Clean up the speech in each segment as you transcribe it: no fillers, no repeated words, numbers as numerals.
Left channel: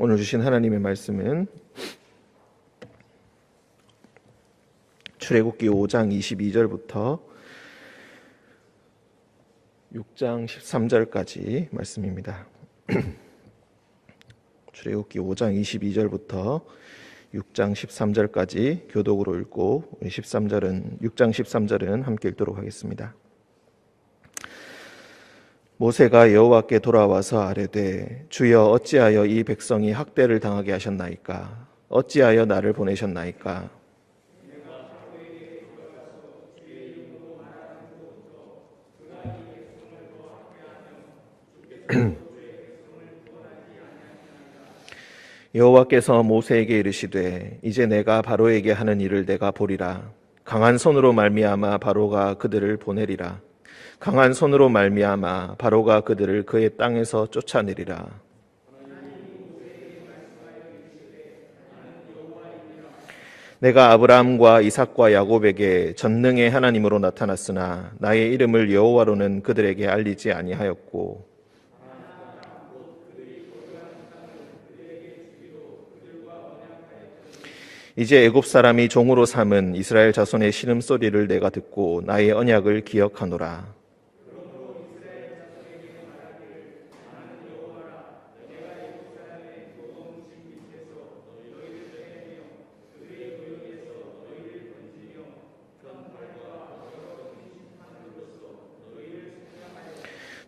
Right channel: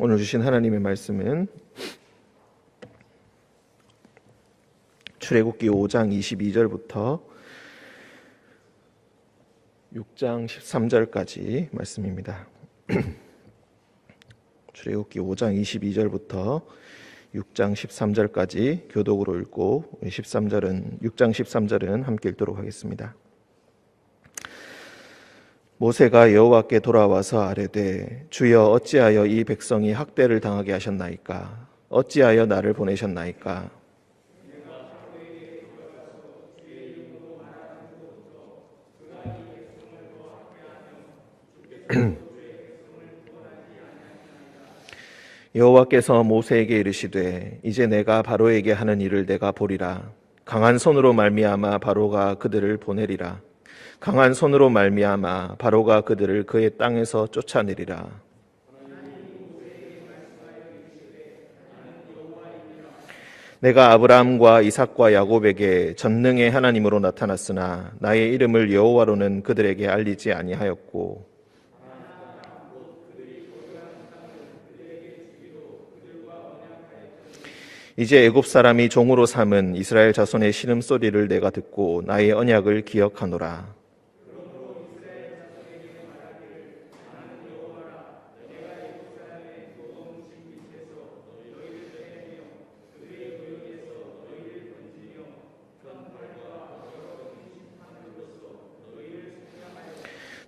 오늘 주신 하나님의 말씀은 출애굽기 5장 22절부터 6장 13절까지 말씀입니다. 출애굽기 5장 22절부터 6장 13절까지 교독으로 읽고 6장 13절은 함께 읽도록 하겠습니다. 모세가 여호와께 돌아와서 아뢰되 주여 어찌하여 이 백성이 학대를 당하게 하셨나이까? 어찌하여 나를 보내셨나이까? 여호와께서 모세에게 이르시되 이제 내가 바로에게 하는 일을 내가 보리라. 강한 손으로 말미암아 바로가 그들을 보내리라. 강한 손으로 말미암아 바로가 그들을 그의 땅에서 쫓아내리라. 내가 아브라함과 이삭과 야곱에게 전능의 하나님으로 나타났으나 나의 이름을 여호와로는 그들에게 알리지 아니하였고 이제 애굽 사람이 종으로 삼은 이스라엘 자손의 신음소리를 내가 듣고 나의 언약을 기억하노라.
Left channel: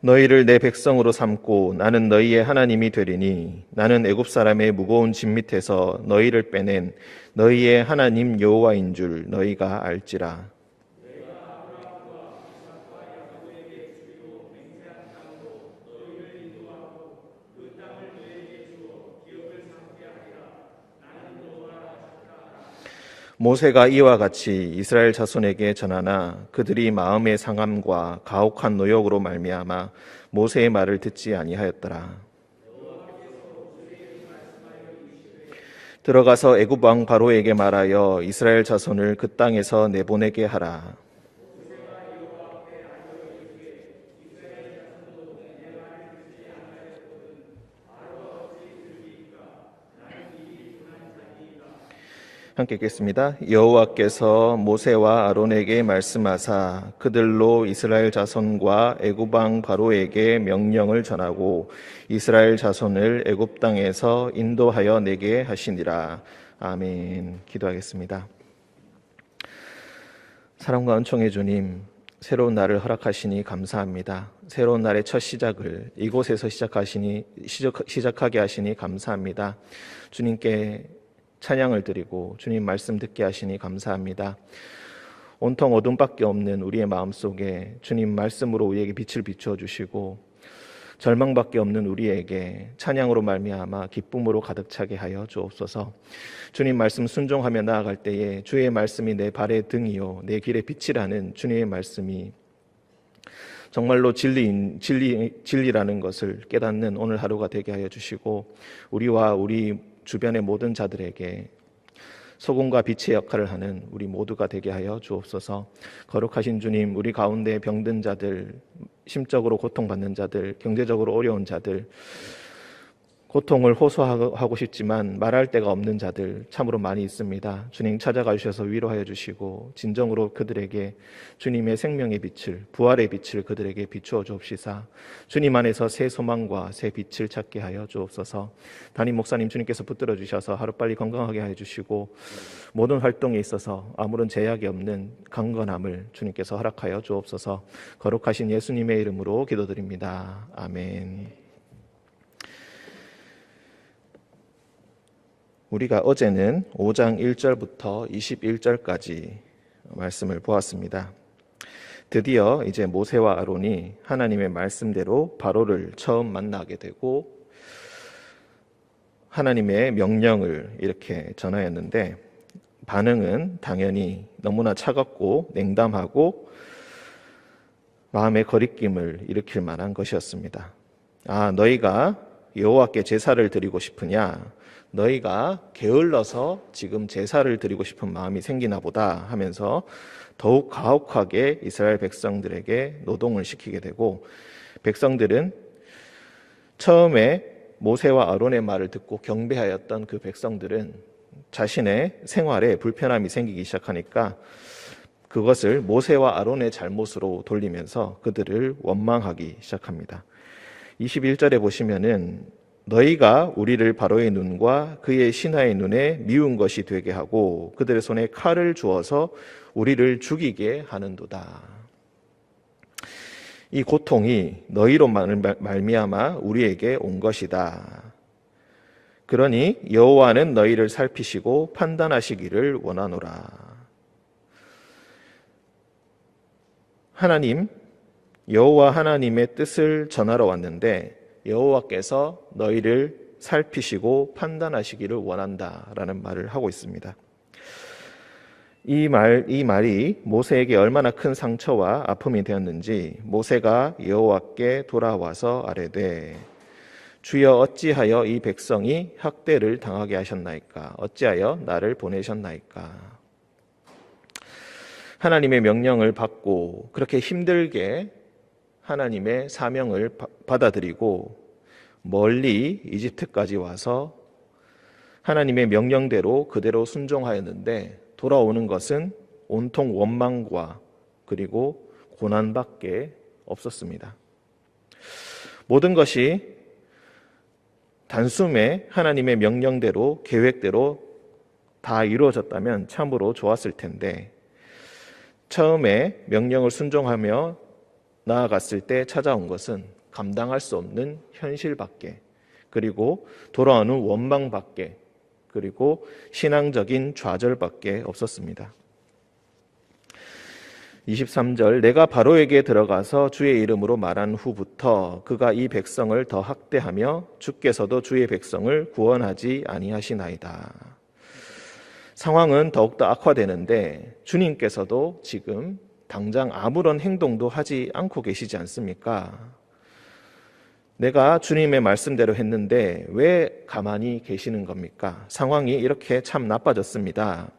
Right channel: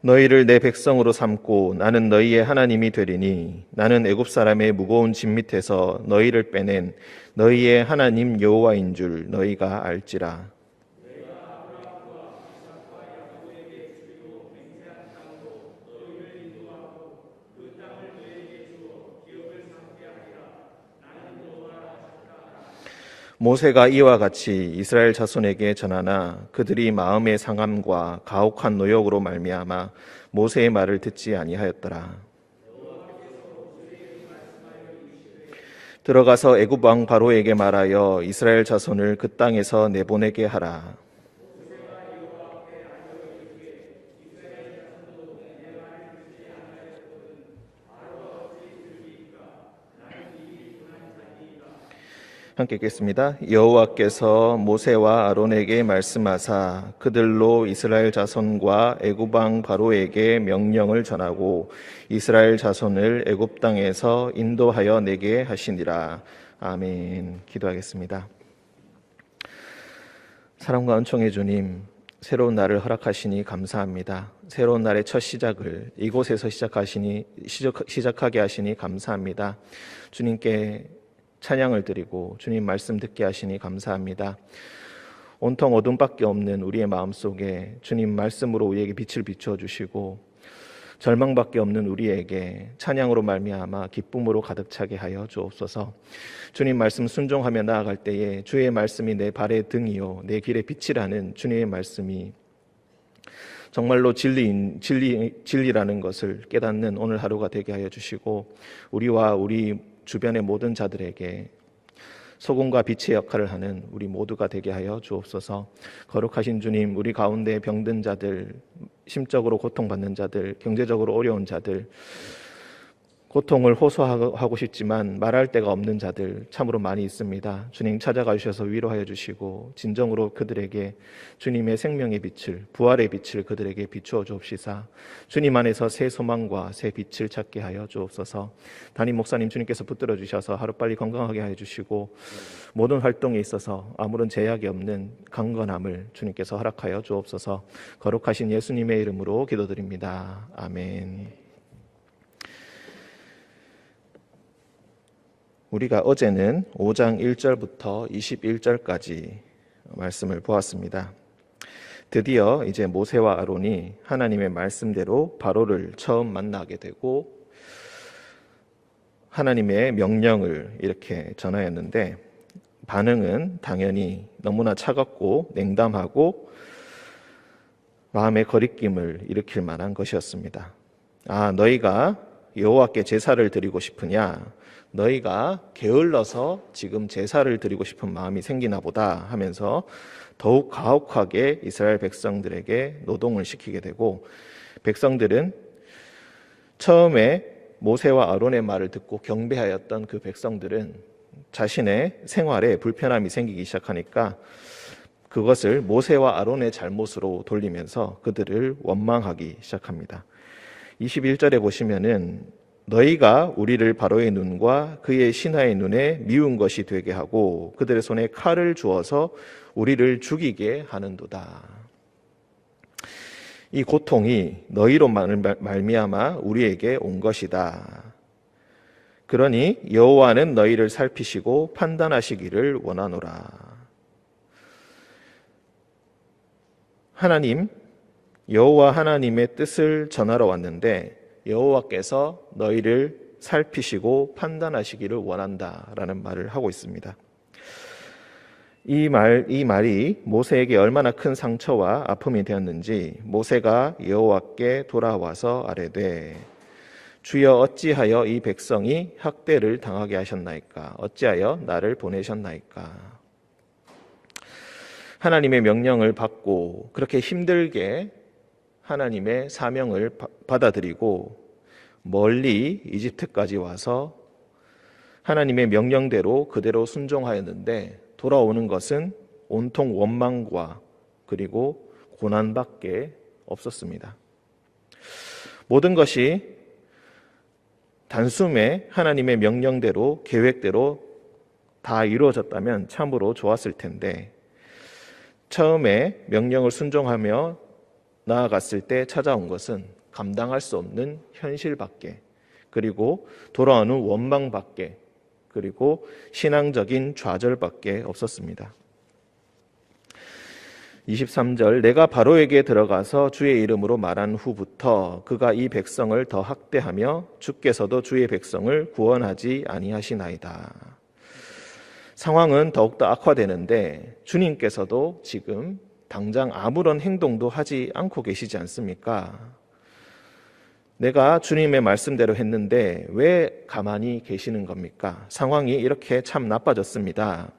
너희를 내 백성으로 삼고 나는 너희의 하나님이 되리니 나는 애굽 사람의 무거운 짐 밑에서 너희를 빼낸 너희의 하나님 여호와인 줄 너희가 알지라. 모세가 이와 같이 이스라엘 자손에게 전하나 그들이 마음의 상함과 가혹한 노역으로 말미암아 모세의 말을 듣지 아니하였더라. 들어가서 애굽 왕 바로에게 말하여 이스라엘 자손을 그 땅에서 내보내게 하라. 함께 읽겠습니다. 여호와께서 모세와 아론에게 말씀하사 그들로 이스라엘 자손과 애굽 왕 바로에게 명령을 전하고 이스라엘 자손을 애굽 땅에서 인도하여 내게 하시니라. 아멘. 기도하겠습니다. 사랑과 은총의 주님, 새로운 날을 허락하시니 감사합니다. 새로운 날의 첫 시작을 이곳에서 시작하게 하시니 감사합니다. 주님께 찬양을 드리고 주님 말씀 듣게 하시니 감사합니다. 온통 어둠밖에 없는 우리의 마음속에 주님 말씀으로 우리에게 빛을 비추어 주시고 절망밖에 없는 우리에게 찬양으로 말미암아 기쁨으로 가득 차게 하여 주옵소서. 주님 말씀 순종하며 나아갈 때에 주의 말씀이 내 발의 등이요 내 길의 빛이라는 주님의 말씀이 정말로 진리라는 것을 깨닫는 오늘 하루가 되게 하여 주시고 우리와 우리 주변의 모든 자들에게 소금과 빛의 역할을 하는 우리 모두가 되게 하여 주옵소서. 거룩하신 주님, 우리 가운데 병든 자들, 심적으로 고통받는 자들, 경제적으로 어려운 자들, 고통을 호소하고 싶지만 말할 데가 없는 자들 참으로 많이 있습니다. 주님 찾아가 주셔서 위로하여 주시고 진정으로 그들에게 주님의 생명의 빛을, 부활의 빛을 그들에게 비추어 주옵시사 주님 안에서 새 소망과 새 빛을 찾게 하여 주옵소서. 담임 목사님 주님께서 붙들어 주셔서 하루빨리 건강하게 하여 주시고 모든 활동에 있어서 아무런 제약이 없는 강건함을 주님께서 허락하여 주옵소서. 거룩하신 예수님의 이름으로 기도드립니다. 아멘. 우리가 어제는 5장 1절부터 21절까지 말씀을 보았습니다. 드디어 이제 모세와 아론이 하나님의 말씀대로 바로를 처음 만나게 되고 하나님의 명령을 이렇게 전하였는데 반응은 당연히 너무나 차갑고 냉담하고 마음의 거리낌을 일으킬 만한 것이었습니다. 아, 너희가 여호와께 제사를 드리고 싶으냐? 너희가 게을러서 지금 제사를 드리고 싶은 마음이 생기나 보다 하면서 더욱 가혹하게 이스라엘 백성들에게 노동을 시키게 되고 백성들은 처음에 모세와 아론의 말을 듣고 경배하였던 그 백성들은 자신의 생활에 불편함이 생기기 시작하니까 그것을 모세와 아론의 잘못으로 돌리면서 그들을 원망하기 시작합니다. 21절에 보시면은 너희가 우리를 바로의 눈과 그의 신하의 눈에 미운 것이 되게 하고 그들의 손에 칼을 주어서 우리를 죽이게 하는도다. 이 고통이 너희로 말미암아 우리에게 온 것이다. 그러니 여호와는 너희를 살피시고 판단하시기를 원하노라. 하나님, 여호와 하나님의 뜻을 전하러 왔는데 여호와께서 너희를 살피시고 판단하시기를 원한다라는 말을 하고 있습니다. 이 말이 모세에게 얼마나 큰 상처와 아픔이 되었는지 모세가 여호와께 돌아와서 아뢰되 주여 어찌하여 이 백성이 학대를 당하게 하셨나이까? 어찌하여 나를 보내셨나이까? 하나님의 명령을 받고 그렇게 힘들게 하나님의 사명을 받아들이고 멀리 이집트까지 와서 하나님의 명령대로 그대로 순종하였는데 돌아오는 것은 온통 원망과 그리고 고난밖에 없었습니다. 모든 것이 단숨에 하나님의 명령대로 계획대로 다 이루어졌다면 참으로 좋았을 텐데 처음에 명령을 순종하며 나아갔을 때 찾아온 것은 감당할 수 없는 현실밖에 그리고 돌아오는 원망밖에 그리고 신앙적인 좌절밖에 없었습니다. 23절 내가 바로에게 들어가서 주의 이름으로 말한 후부터 그가 이 백성을 더 학대하며 주께서도 주의 백성을 구원하지 아니하시나이다. 상황은 더욱더 악화되는데 주님께서도 지금 당장 아무런 행동도 하지 않고 계시지 않습니까? 내가 주님의 말씀대로 했는데 왜 가만히 계시는 겁니까? 상황이 이렇게 참 나빠졌습니다.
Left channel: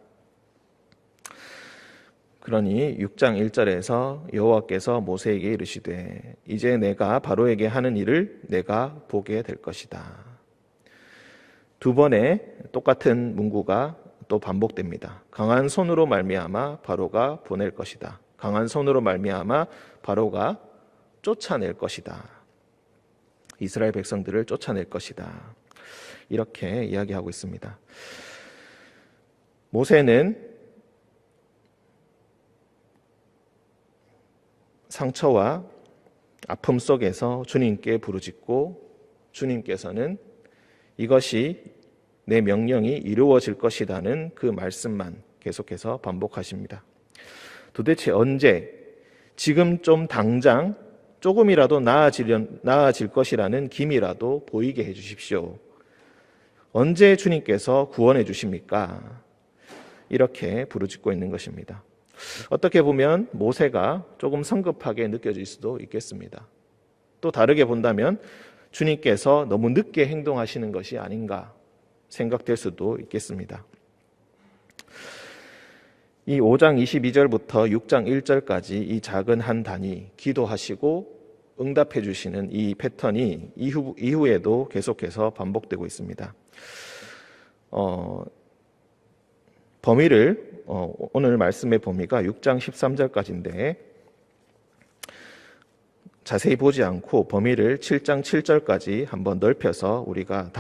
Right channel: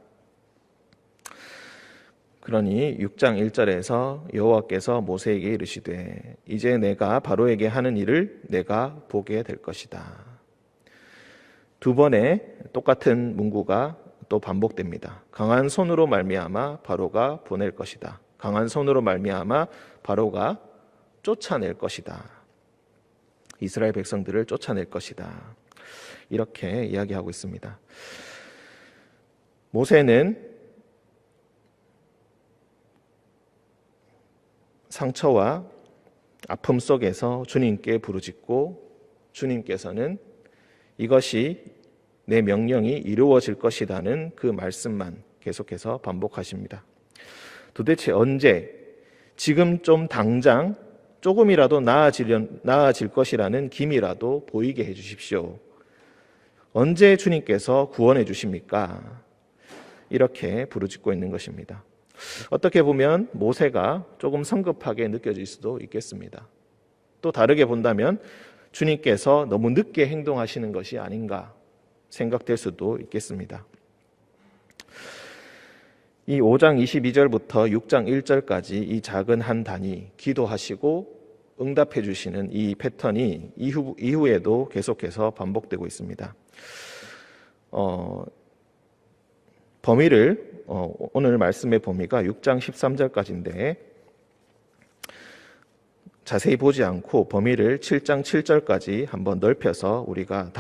그러니 6장 1절에서 여호와께서 모세에게 이르시되 이제 내가 바로에게 하는 일을 내가 보게 될 것이다. 두 번의 똑같은 문구가 또 반복됩니다. 강한 손으로 말미암아 바로가 보낼 것이다. 강한 손으로 말미암아 바로가 쫓아낼 것이다. 이스라엘 백성들을 쫓아낼 것이다. 이렇게 이야기하고 있습니다. 모세는 상처와 아픔 속에서 주님께 부르짖고 주님께서는 이것이 내 명령이 이루어질 것이라는 그 말씀만 계속해서 반복하십니다. 도대체 언제, 지금 좀 당장 조금이라도 나아질 것이라는 기미라도 보이게 해주십시오. 언제 주님께서 구원해 주십니까? 이렇게 부르짖고 있는 것입니다. 어떻게 보면 모세가 조금 성급하게 느껴질 수도 있겠습니다. 또 다르게 본다면 주님께서 너무 늦게 행동하시는 것이 아닌가 생각될 수도 있겠습니다. 이 5장 22절부터 6장 1절까지 이 작은 한 단위 기도하시고 응답해 주시는 이 패턴이 이후에도 계속해서 반복되고 있습니다. 범위를 오늘 말씀의 범위가 6장 13절까지인데 자세히 보지 않고 범위를 7장 7절까지 한번 넓혀서 우리가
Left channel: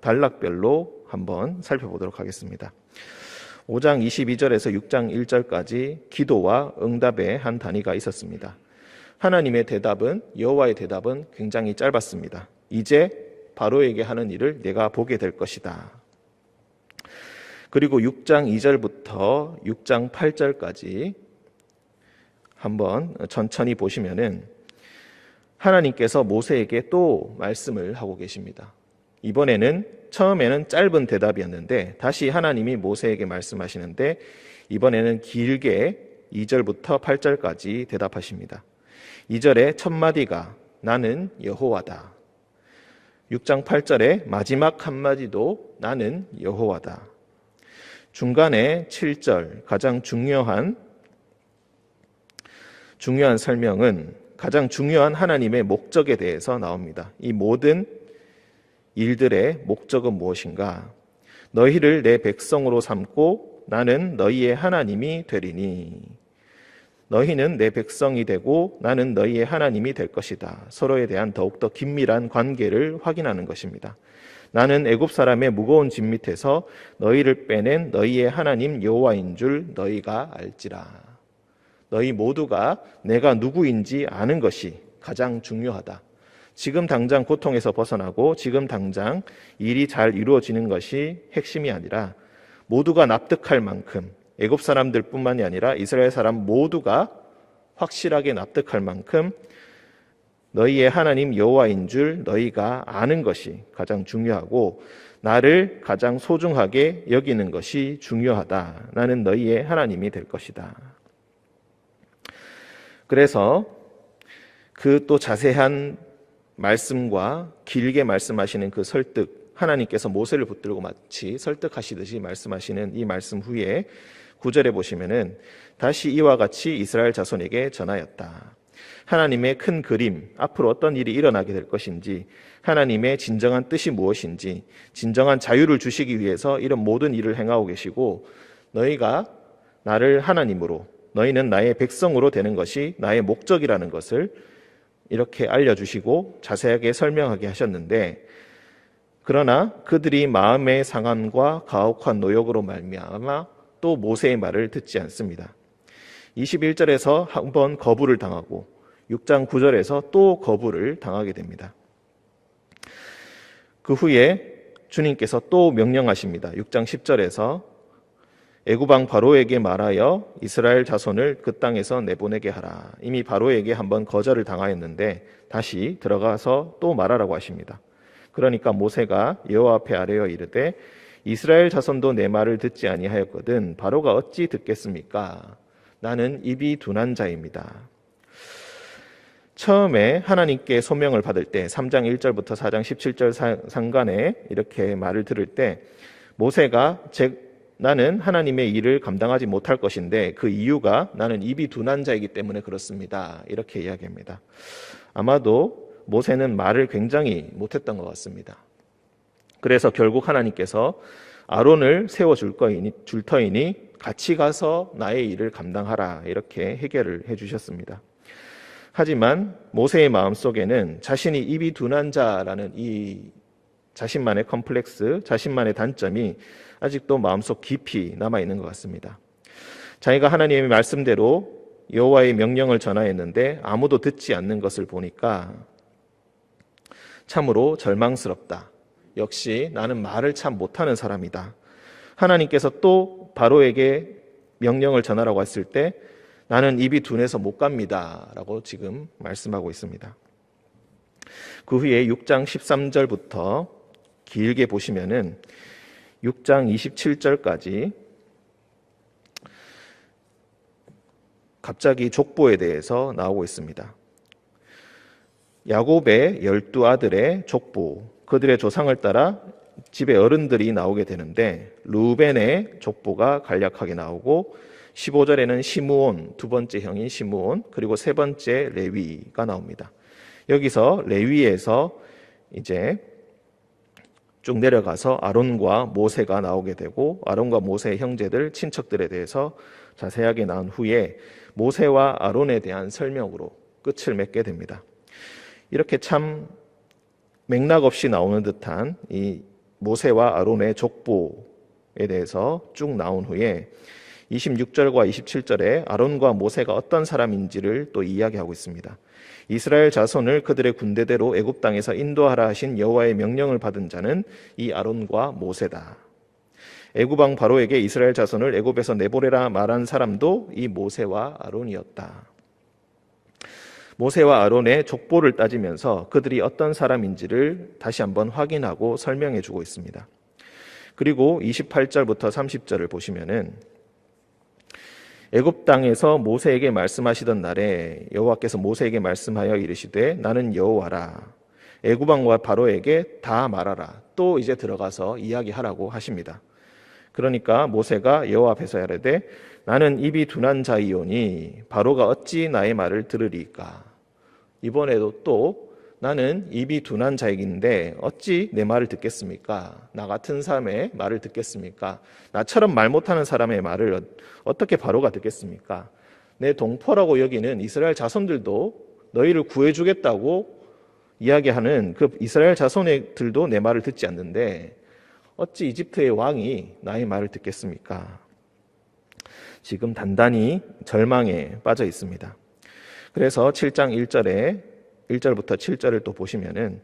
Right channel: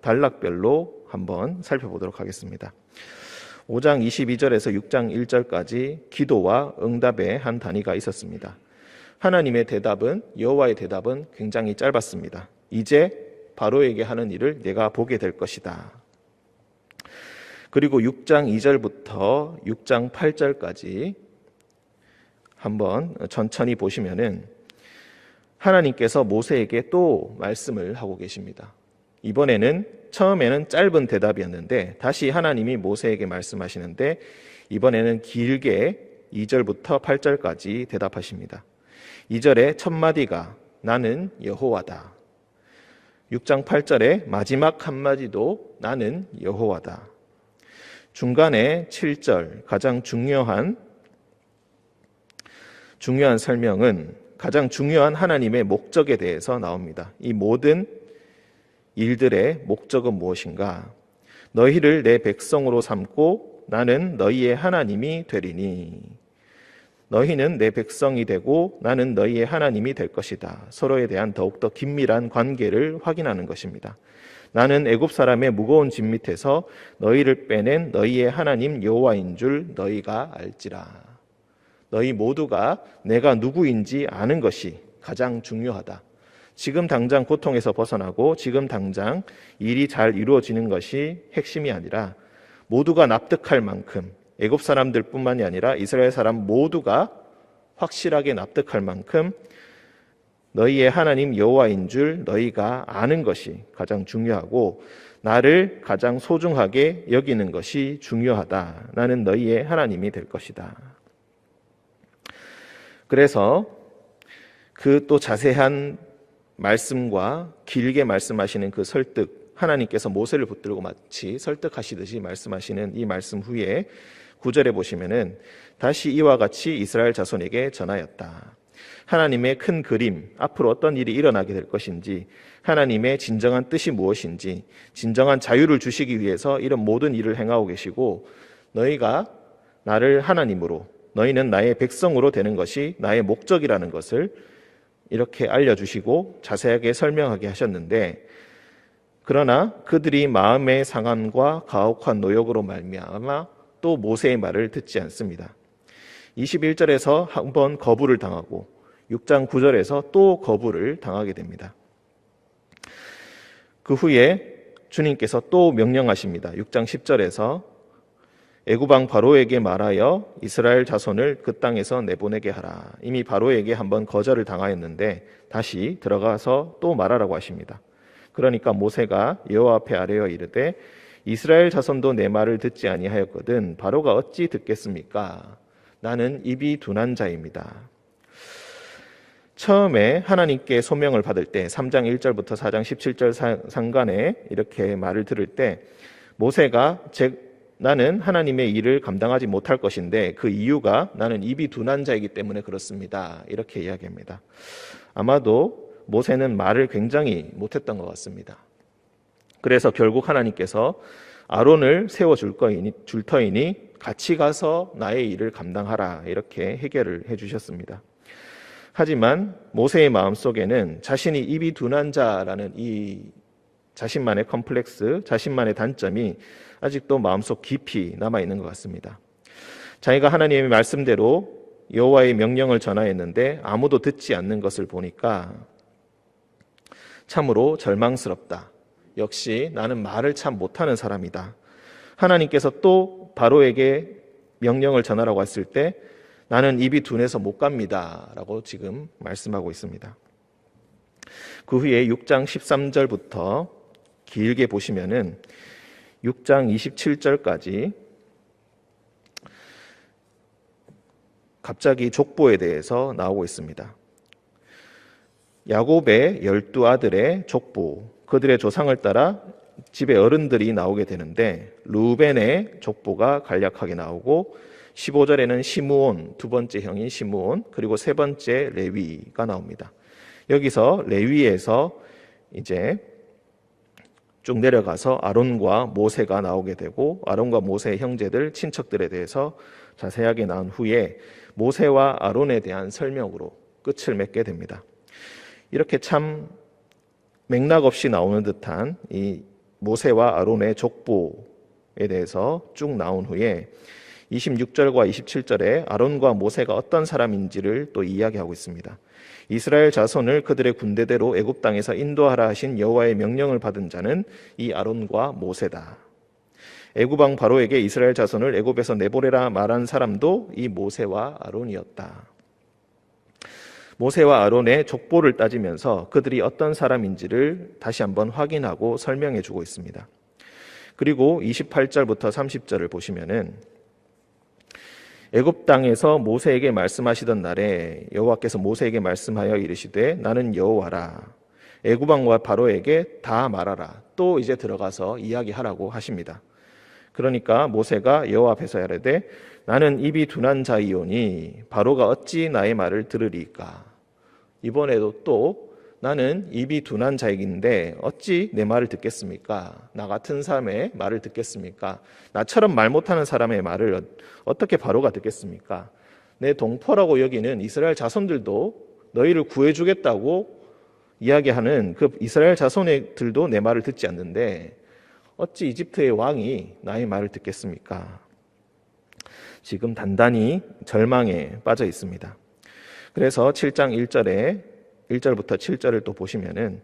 단락별로 한번 살펴보도록 하겠습니다. 5장 22절에서 6장 1절까지 기도와 응답의 한 단위가 있었습니다. 하나님의 대답은, 여호와의 대답은 굉장히 짧았습니다. 이제 바로에게 하는 일을 내가 보게 될 것이다. 그리고 6장 2절부터 6장 8절까지 한번 천천히 보시면은 하나님께서 모세에게 또 말씀을 하고 계십니다. 이번에는 처음에는 짧은 대답이었는데 다시 하나님이 모세에게 말씀하시는데 이번에는 길게 2절부터 8절까지 대답하십니다. 2절의 첫 마디가 나는 여호와다. 6장 8절의 마지막 한마디도 나는 여호와다. 중간에 7절 가장 중요한 설명은 가장 중요한 하나님의 목적에 대해서 나옵니다. 이 모든 일들의 목적은 무엇인가? 너희를 내 백성으로 삼고 나는 너희의 하나님이 되리니. 너희는 내 백성이 되고 나는 너희의 하나님이 될 것이다. 서로에 대한 더욱더 긴밀한 관계를 확인하는 것입니다. 나는 애굽 사람의 무거운 짐 밑에서 너희를 빼낸 너희의 하나님 여호와인 줄 너희가 알지라. 너희 모두가 내가 누구인지 아는 것이 가장 중요하다. 지금 당장 고통에서 벗어나고 지금 당장 일이 잘 이루어지는 것이 핵심이 아니라 모두가 납득할 만큼, 애굽 사람들뿐만이 아니라 이스라엘 사람 모두가 확실하게 납득할 만큼 너희의 하나님 여호와인 줄 너희가 아는 것이 가장 중요하고 나를 가장 소중하게 여기는 것이 중요하다. 나는 너희의 하나님이 될 것이다. 그래서 그 또 자세한 말씀과 길게 말씀하시는 그 설득, 하나님께서 모세를 붙들고 마치 설득하시듯이 말씀하시는 이 말씀 후에 9절에 보시면은 다시 이와 같이 이스라엘 자손에게 전하였다. 하나님의 큰 그림, 앞으로 어떤 일이 일어나게 될 것인지, 하나님의 진정한 뜻이 무엇인지, 진정한 자유를 주시기 위해서 이런 모든 일을 행하고 계시고, 너희가 나를 하나님으로, 너희는 나의 백성으로 되는 것이 나의 목적이라는 것을 이렇게 알려주시고 자세하게 설명하게 하셨는데, 그러나 그들이 마음의 상함과 가혹한 노역으로 말미암아 또 모세의 말을 듣지 않습니다. 21절에서 한 번 거부를 당하고 6장 9절에서 또 거부를 당하게 됩니다. 그 후에 주님께서 또 명령하십니다. 6장 10절에서 애굽 왕 바로에게 말하여 이스라엘 자손을 그 땅에서 내보내게 하라. 이미 바로에게 한번 거절을 당하였는데 다시 들어가서 또 말하라고 하십니다. 그러니까 모세가 여호와 앞에 아뢰어 이르되 이스라엘 자손도 내 말을 듣지 아니하였거든 바로가 어찌 듣겠습니까? 나는 입이 둔한 자입니다. 처음에 하나님께 소명을 받을 때 3장 1절부터 4장 17절 상간에 이렇게 말을 들을 때 모세가 나는 하나님의 일을 감당하지 못할 것인데 그 이유가 나는 입이 둔한 자이기 때문에 그렇습니다. 이렇게 이야기합니다. 아마도 모세는 말을 굉장히 못했던 것 같습니다. 그래서 결국 하나님께서 아론을 세워줄 터이니 같이 가서 나의 일을 감당하라 이렇게 해결을 해주셨습니다. 하지만 모세의 마음속에는 자신이 입이 둔한 자라는 이 자신만의 컴플렉스, 자신만의 단점이 아직도 마음속 깊이 남아있는 것 같습니다. 자기가 하나님의 말씀대로 여호와의 명령을 전하였는데 아무도 듣지 않는 것을 보니까 참으로 절망스럽다. 역시 나는 말을 참 못하는 사람이다. 하나님께서 또 바로에게 명령을 전하라고 했을 때 나는 입이 둔해서 못 갑니다. 라고 지금 말씀하고 있습니다. 그 후에 6장 13절부터 길게 보시면은 6장 27절까지 갑자기 족보에 대해서 나오고 있습니다. 야곱의 12아들의 족보, 그들의 조상을 따라 집의 어른들이 나오게 되는데 루벤의 족보가 간략하게 나오고 15절에는 시므온, 두 번째 형인 시므온, 그리고 세 번째 레위가 나옵니다. 여기서 레위에서 이제 쭉 내려가서 아론과 모세가 나오게 되고 아론과 모세의 형제들, 친척들에 대해서 자세하게 나온 후에 모세와 아론에 대한 설명으로 끝을 맺게 됩니다. 이렇게 참 맥락 없이 나오는 듯한 이 모세와 아론의 족보에 대해서 쭉 나온 후에 26절과 27절에 아론과 모세가 어떤 사람인지를 또 이야기하고 있습니다. 이스라엘 자손을 그들의 군대대로 애굽 땅에서 인도하라 하신 여호와의 명령을 받은 자는 이 아론과 모세다. 애굽 왕 바로에게 이스라엘 자손을 애굽에서 내보내라 말한 사람도 이 모세와 아론이었다. 모세와 아론의 족보를 따지면서 그들이 어떤 사람인지를 다시 한번 확인하고 설명해 주고 있습니다. 그리고 28절부터 30절을 보시면은 애굽 땅에서 모세에게 말씀하시던 날에 여호와께서 모세에게 말씀하여 이르시되 나는 여호와라. 애굽 왕과 바로에게 다 말하라. 또 이제 들어가서 이야기하라고 하십니다. 그러니까 모세가 여호와 앞에서 이르되 나는 입이 둔한 자이오니 바로가 어찌 나의 말을 들으리까. 이번에도 또 나는 입이 둔한 자이긴데 어찌 내 말을 듣겠습니까? 나 같은 사람의 말을 듣겠습니까? 나처럼 말 못하는 사람의 말을 어떻게 바로가 듣겠습니까? 내 동포라고 여기는 이스라엘 자손들도 너희를 구해주겠다고 이야기하는 그 이스라엘 자손들도 내 말을 듣지 않는데 어찌 이집트의 왕이 나의 말을 듣겠습니까? 지금 단단히 절망에 빠져 있습니다. 그래서 7장 1절부터 7절을 또 보시면은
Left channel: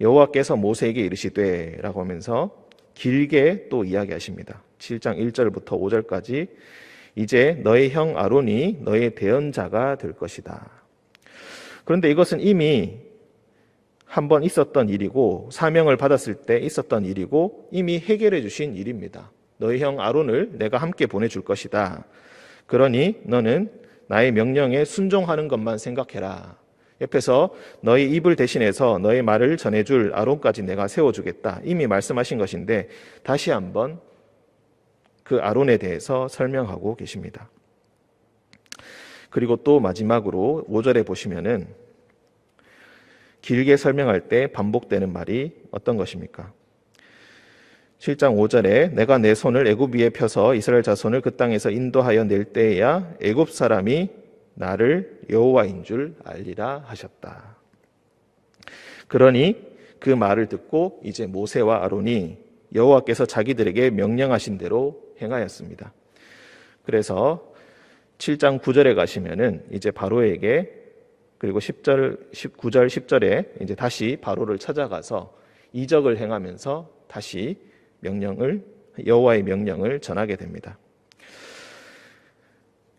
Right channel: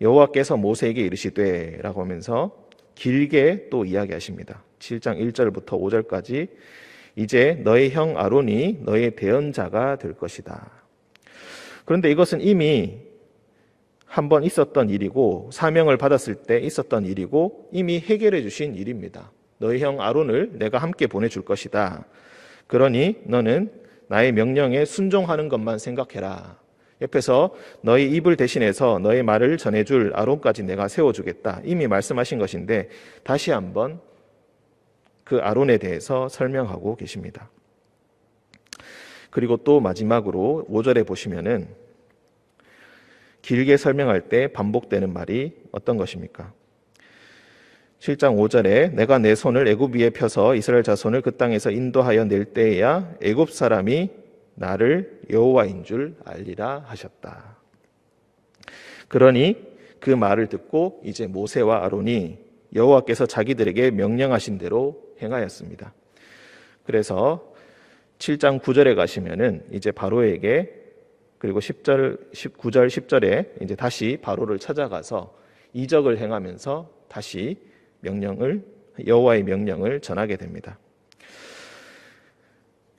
여호와께서 모세에게 이르시되 라고 하면서 길게 또 이야기하십니다. 7장 1절부터 5절까지 이제 너의 형 아론이 너의 대언자가 될 것이다. 그런데 이것은 이미 한번 있었던 일이고 사명을 받았을 때 있었던 일이고 이미 해결해 주신 일입니다. 너의 형 아론을 내가 함께 보내줄 것이다. 그러니 너는 나의 명령에 순종하는 것만 생각해라. 옆에서 너의 입을 대신해서 너의 말을 전해줄 아론까지 내가 세워주겠다. 이미 말씀하신 것인데 다시 한번 그 아론에 대해서 설명하고 계십니다. 그리고 또 마지막으로 5절에 보시면은 길게 설명할 때 반복되는 말이 어떤 것입니까? 7장 5절에 내가 내 손을 애굽 위에 펴서 이스라엘 자손을 그 땅에서 인도하여 낼 때에야 애굽 사람이 나를 여호와인 줄 알리라 하셨다. 그러니 그 말을 듣고 이제 모세와 아론이 여호와께서 자기들에게 명령하신 대로 행하였습니다. 그래서 7장 9절에 가시면은 이제 바로에게 그리고 10절, 19절, 10절에 이제 다시 바로를 찾아가서 이적을 행하면서 다시 여호와의 명령을 전하게 됩니다.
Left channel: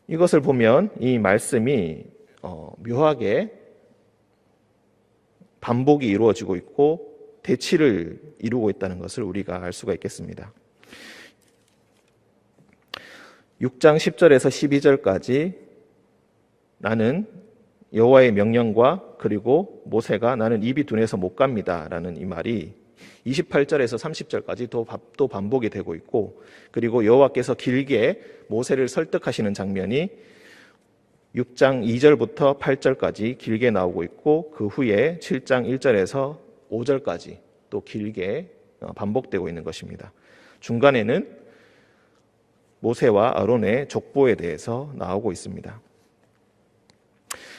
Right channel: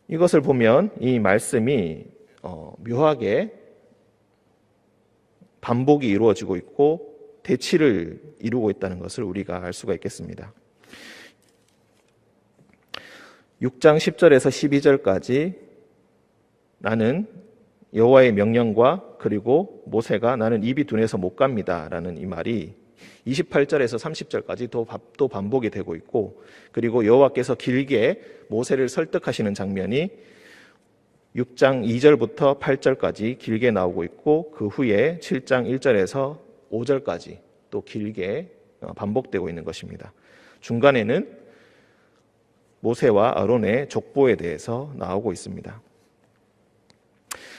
이것을 보면 이 말씀이 묘하게 반복이 이루어지고 있고 대치를 이루고 있다는 것을 우리가 알 수가 있겠습니다. 6장 10절에서 12절까지 나는 여호와의 명령과 그리고 모세가 나는 입이 둔해서 못 갑니다 라는 이 말이 28절에서 30절까지 또 반복이 되고 있고 그리고 여호와께서 길게 모세를 설득하시는 장면이 6장 2절부터 8절까지 길게 나오고 있고 그 후에 7장 1절에서 5절까지 또 길게 반복되고 있는 것입니다. 중간에는 모세와 아론의 족보에 대해서 나오고 있습니다.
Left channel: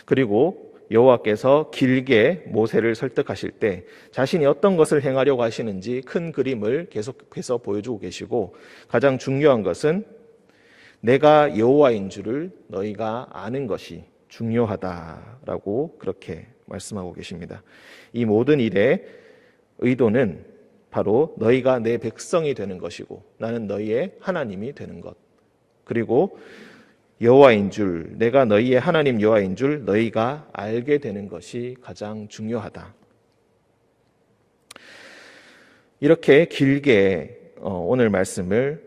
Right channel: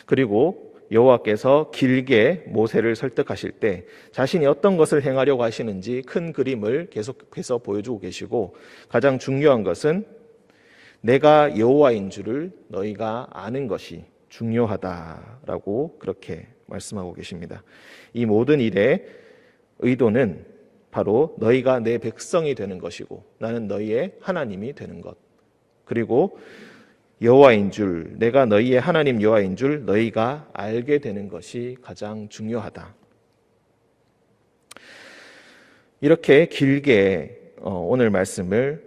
그리고 여호와께서 길게 모세를 설득하실 때 자신이 어떤 것을 행하려고 하시는지 큰 그림을 계속해서 보여주고 계시고 가장 중요한 것은 내가 여호와인 줄을 너희가 아는 것이 중요하다라고 그렇게 말씀하고 계십니다. 이 모든 일의 의도는 바로 너희가 내 백성이 되는 것이고 나는 너희의 하나님이 되는 것 그리고 여호와인 줄, 내가 너희의 하나님 여호와인 줄 너희가 알게 되는 것이 가장 중요하다. 이렇게 길게 오늘 말씀을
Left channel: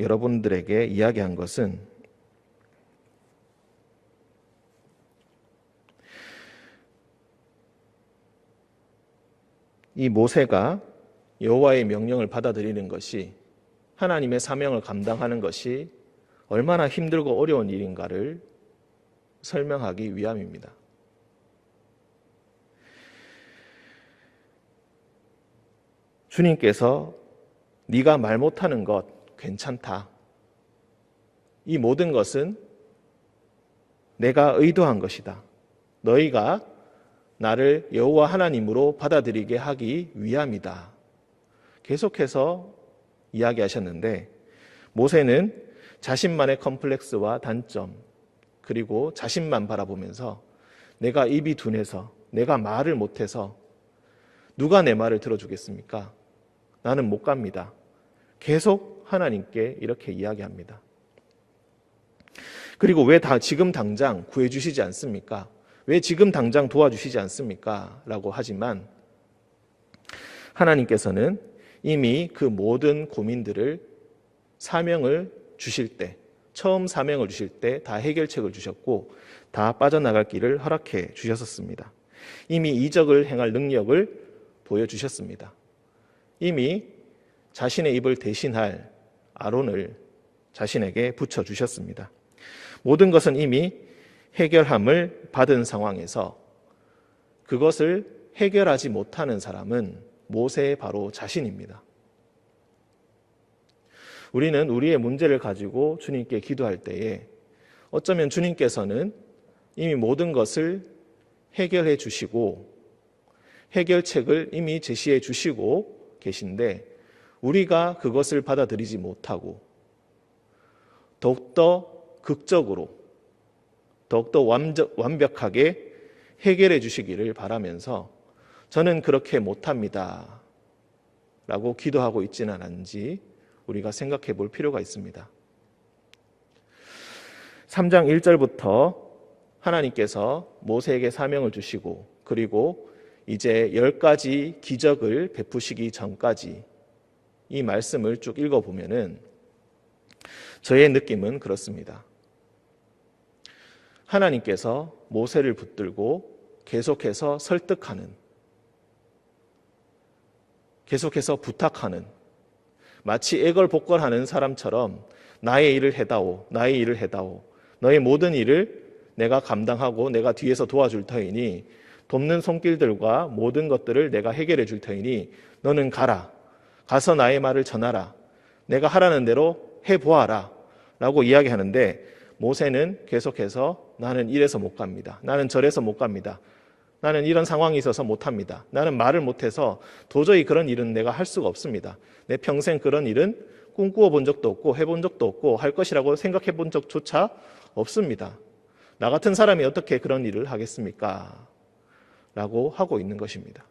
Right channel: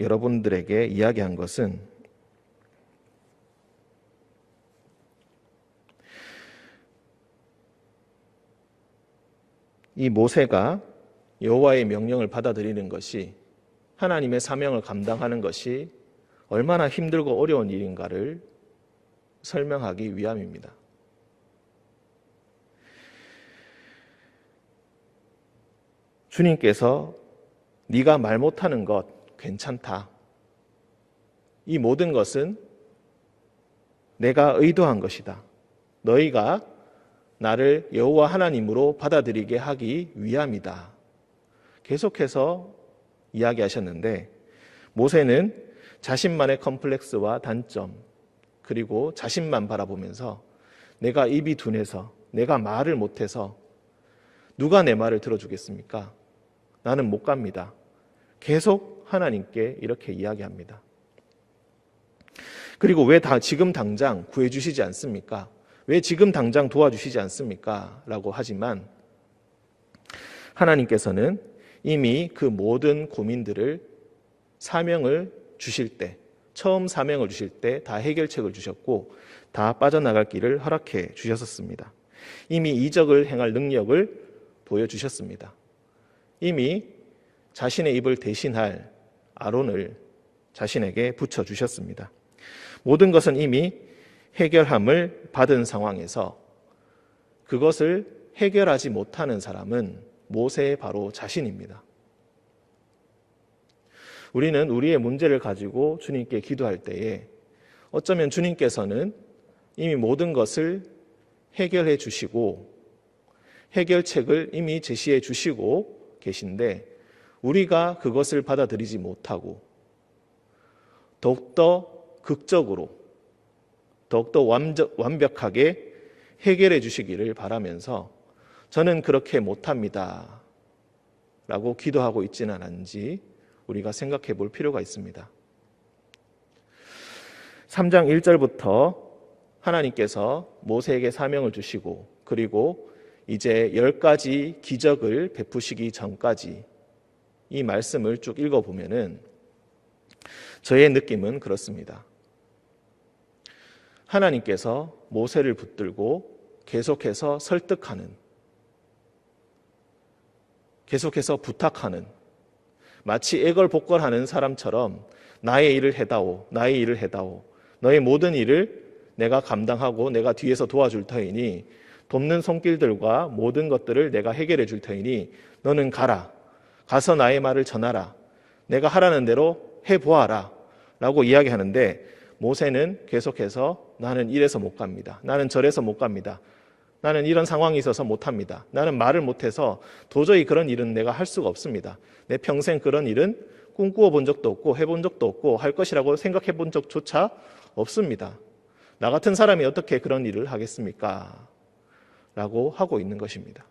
여러분들에게 이야기한 것은 이 모세가 여호와의 명령을 받아들이는 것이 하나님의 사명을 감당하는 것이 얼마나 힘들고 어려운 일인가를 설명하기 위함입니다. 주님께서 네가 말 못하는 것 괜찮다. 이 모든 것은 내가 의도한 것이다. 너희가 나를 여호와 하나님으로 받아들이게 하기 위함이다. 계속해서 이야기하셨는데 모세는 자신만의 컴플렉스와 단점 그리고 자신만 바라보면서 내가 입이 둔해서 내가 말을 못해서 누가 내 말을 들어주겠습니까? 나는 못 갑니다. 계속 하나님께 이렇게 이야기합니다. 그리고 왜 지금 당장 구해주시지 않습니까? 왜 지금 당장 도와주시지 않습니까? 라고 하지만 하나님께서는 이미 그 모든 고민들을 사명을 주실 때, 처음 사명을 주실 때 다 해결책을 주셨고 다 빠져나갈 길을 허락해 주셨었습니다. 이미 이적을 행할 능력을 보여주셨습니다. 이미 자신의 입을 대신할 아론을 자신에게 붙여주셨습니다. 모든 것은 이미 해결함을 받은 상황에서 그것을 해결하지 못하는 사람은 모세의 바로 자신입니다. 우리는 우리의 문제를 가지고 주님께 기도할 때에 어쩌면 주님께서는 이미 모든 것을 해결해 주시고 해결책을 이미 제시해 주시고 계신데 우리가 그것을 받아들이지 못하고 더욱더 극적으로 더욱더 완벽하게 해결해 주시기를 바라면서 저는 그렇게 못합니다 라고 기도하고 있지는 않은지 우리가 생각해 볼 필요가 있습니다. 3장 1절부터 하나님께서 모세에게 사명을 주시고 그리고 이제 10가지 기적을 베푸시기 전까지 이 말씀을 쭉 읽어보면은 저의 느낌은 그렇습니다. 하나님께서 모세를 붙들고 계속해서 설득하는, 계속해서 부탁하는, 마치 애걸복걸하는 사람처럼 나의 일을 해다오, 나의 일을 해다오, 너의 모든 일을 내가 감당하고 내가 뒤에서 도와줄 터이니 돕는 손길들과 모든 것들을 내가 해결해 줄 터이니 너는 가라, 가서 나의 말을 전하라, 내가 하라는 대로 해보아라 라고 이야기하는데 모세는 계속해서 나는 이래서 못 갑니다. 나는 저래서 못 갑니다. 나는 이런 상황이 있어서 못합니다. 나는 말을 못해서 도저히 그런 일은 내가 할 수가 없습니다. 내 평생 그런 일은 꿈꾸어 본 적도 없고 해본 적도 없고 할 것이라고 생각해 본 적조차 없습니다. 나 같은 사람이 어떻게 그런 일을 하겠습니까? 라고 하고 있는 것입니다.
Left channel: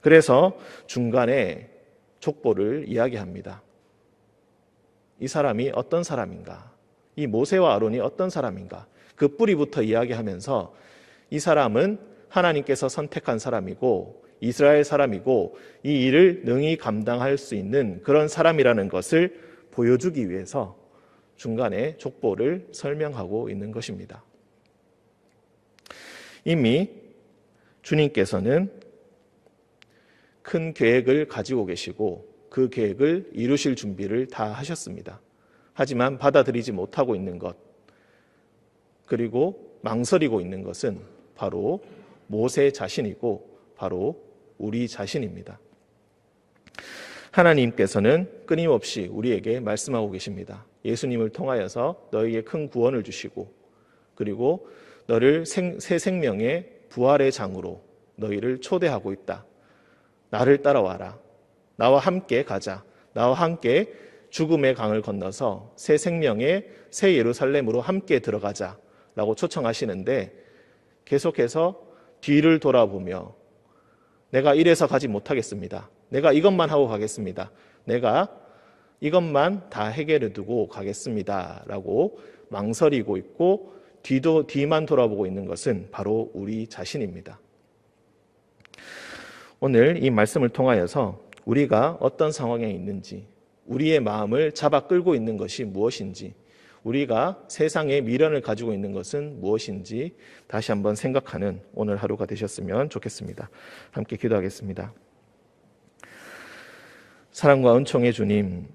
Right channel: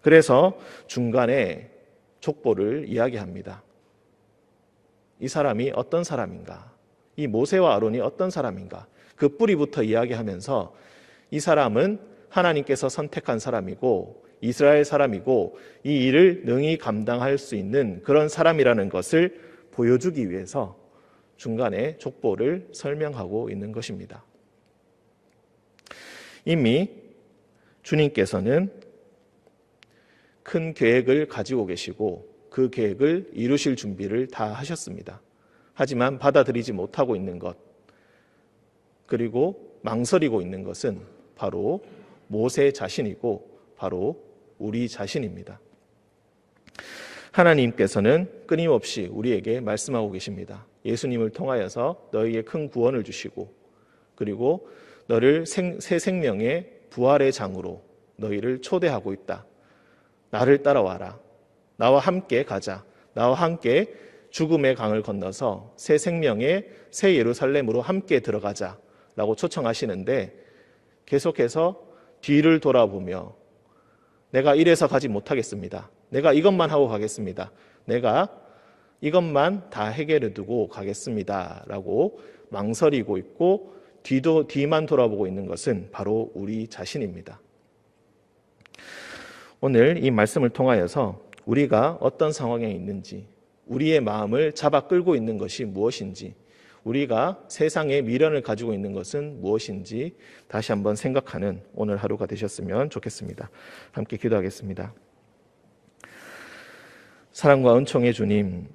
그래서 중간에 족보를 이야기합니다. 이 사람이 어떤 사람인가? 이 모세와 아론이 어떤 사람인가? 그 뿌리부터 이야기하면서 이 사람은 하나님께서 선택한 사람이고 이스라엘 사람이고 이 일을 능히 감당할 수 있는 그런 사람이라는 것을 보여주기 위해서 중간에 족보를 설명하고 있는 것입니다. 이미 주님께서는 큰 계획을 가지고 계시고 그 계획을 이루실 준비를 다 하셨습니다. 하지만 받아들이지 못하고 있는 것, 그리고 망설이고 있는 것은 바로 모세 자신이고 바로 우리 자신입니다. 하나님께서는 끊임없이 우리에게 말씀하고 계십니다. 예수님을 통하여서 너에게 큰 구원을 주시고 그리고 너를 새 생명의 부활의 장으로 너희를 초대하고 있다. 나를 따라와라. 나와 함께 가자. 나와 함께 죽음의 강을 건너서 새 생명의 새 예루살렘으로 함께 들어가자 라고 초청하시는데 계속해서 뒤를 돌아보며 내가 이래서 가지 못하겠습니다. 내가 이것만 하고 가겠습니다. 내가 이것만 다 해결해 두고 가겠습니다 라고 망설이고 있고 뒤만 돌아보고 있는 것은 바로 우리 자신입니다. 오늘 이 말씀을 통하여서 우리가 어떤 상황에 있는지, 우리의 마음을 잡아 끌고 있는 것이 무엇인지, 우리가 세상에 미련을 가지고 있는 것은 무엇인지 다시 한번 생각하는 오늘 하루가 되셨으면 좋겠습니다. 함께 기도하겠습니다. 사랑과 은총의 주님,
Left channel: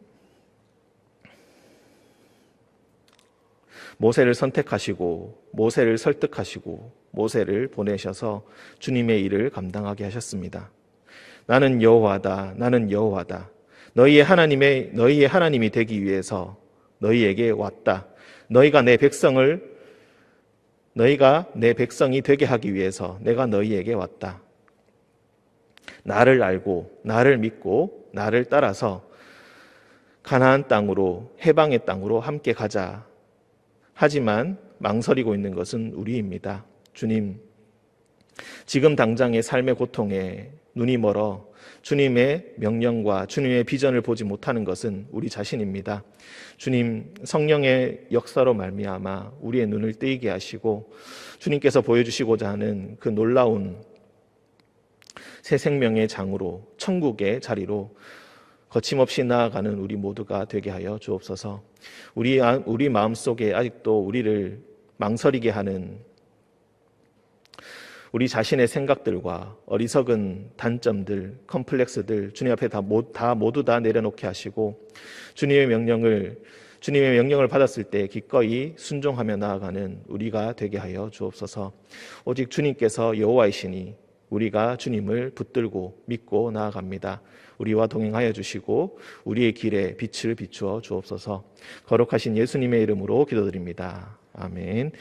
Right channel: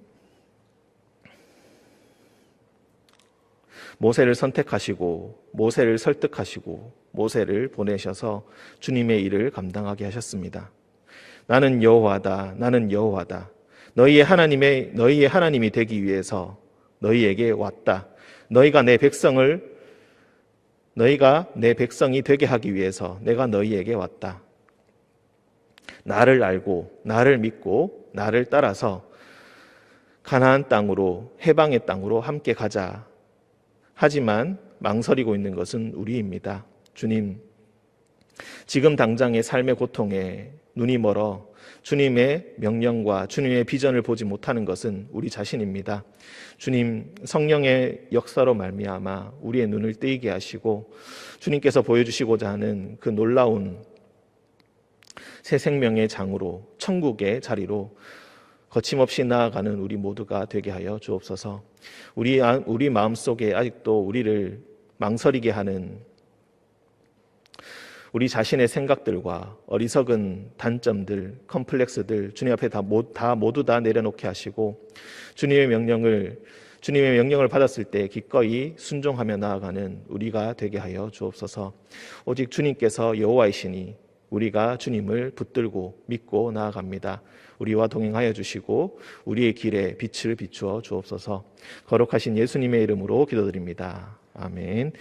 모세를 선택하시고 모세를 설득하시고 모세를 보내셔서 주님의 일을 감당하게 하셨습니다. 나는 여호와다. 나는 여호와다. 너희의 하나님이 되기 위해서 너희에게 왔다. 너희가 내 백성이 되게 하기 위해서 내가 너희에게 왔다. 나를 알고 나를 믿고 나를 따라서 가나안 땅으로 해방의 땅으로 함께 가자. 하지만 망설이고 있는 것은 우리입니다. 주님, 지금 당장의 삶의 고통에 눈이 멀어 주님의 명령과 주님의 비전을 보지 못하는 것은 우리 자신입니다. 주님, 성령의 역사로 말미암아 우리의 눈을 뜨이게 하시고 주님께서 보여주시고자 하는 그 놀라운 새 생명의 장으로 천국의 자리로 거침없이 나아가는 우리 모두가 되게 하여 주옵소서. 우리 마음속에 아직도 우리를 망설이게 하는 우리 자신의 생각들과 어리석은 단점들, 컴플렉스들 주님 앞에 다 모두 다 내려놓게 하시고 주님의 명령을 주님의 명령을 받았을 때 기꺼이 순종하며 나아가는 우리가 되게 하여 주옵소서. 오직 주님께서 여호와이시니 우리가 주님을 붙들고 믿고 나아갑니다. 우리와 동행하여 주시고 우리의 길에 빛을 비추어 주옵소서. 거룩하신 예수님의 이름으로 기도드립니다. 아멘.